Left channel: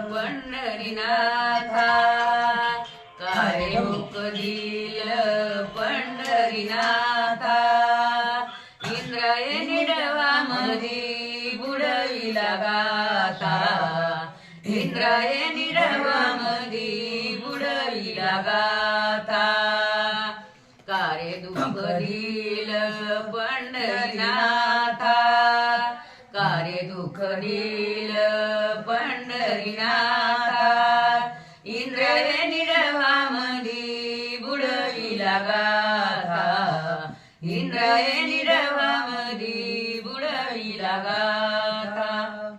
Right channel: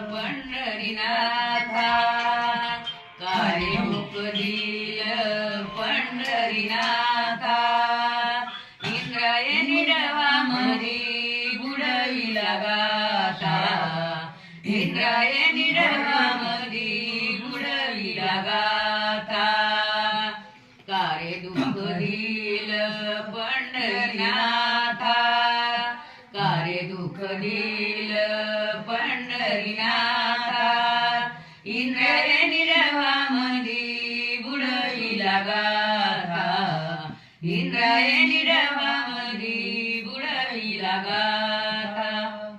पंढरीनाथा. काय दिल पंढरीनाथा. इंद्रायणी डवामधी बुडविला गाथा. इंद्रायणी डवामधी बुडविला गाथा. कारे दुःख दिल पंढरीनाथा. कारे दुःख दिल पंढरीनाथा इंद्रायणी डवामधी बुडविला गाथा. इंद्रायणी डवामधी बुडविला गाथा.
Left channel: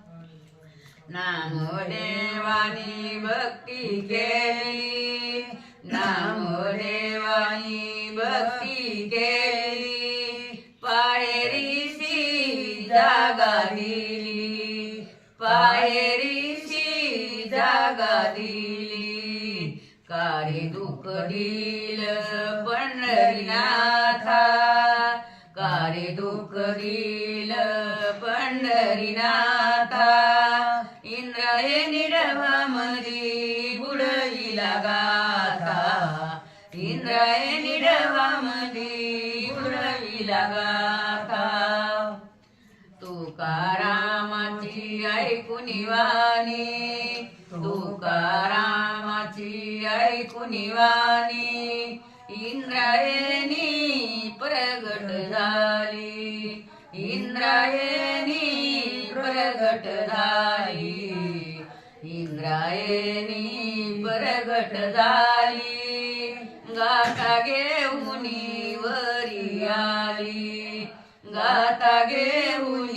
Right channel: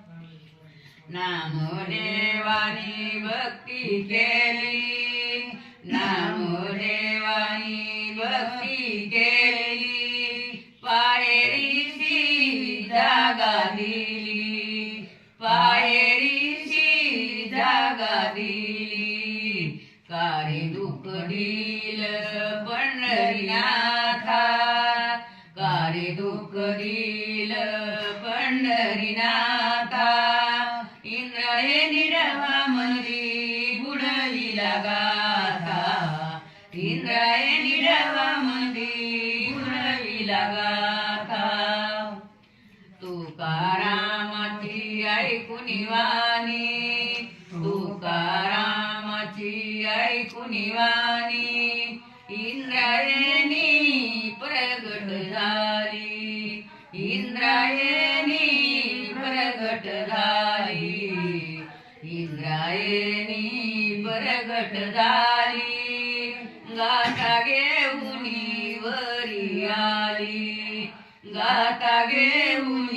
नामदेवानी भक्ती केली. नामदेवानी भक्ती केली. पायरीशी जागाली जागा दिली कारे दुःख दिल पंढरीनाथा कारे दुःख दिल पंढरीनाथा इंद्रायणी डवामधी बुडविला गाथा. इंद्रायणी डवामधी बुडविला गाथा. तुकारामाची ऐकून वाणी. तुकारामाची ऐकुनी वाणी इंद्रायणी प्रगट झाली. इंद्रायणी प्रगट झाली. इंद्रायणी प्रगट झाली. गाता घेऊन वरी आली. गाता घेऊन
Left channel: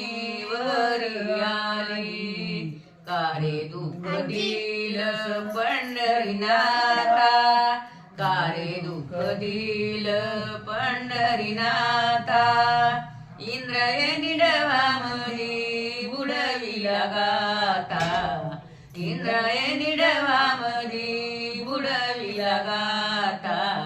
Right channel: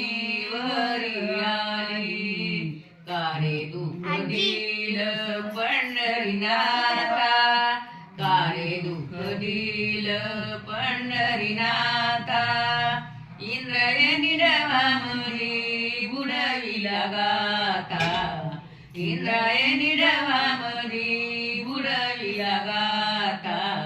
वरी आली. कारे दुःख दिल पंढरीनाथा. कारे दुःख दिल पंढरीनाथा. इंद्रायणी डवामरी बुडविला गाथा. इंद्रायणी डवामरी बुडविला डवामरी बुडाविला गाथा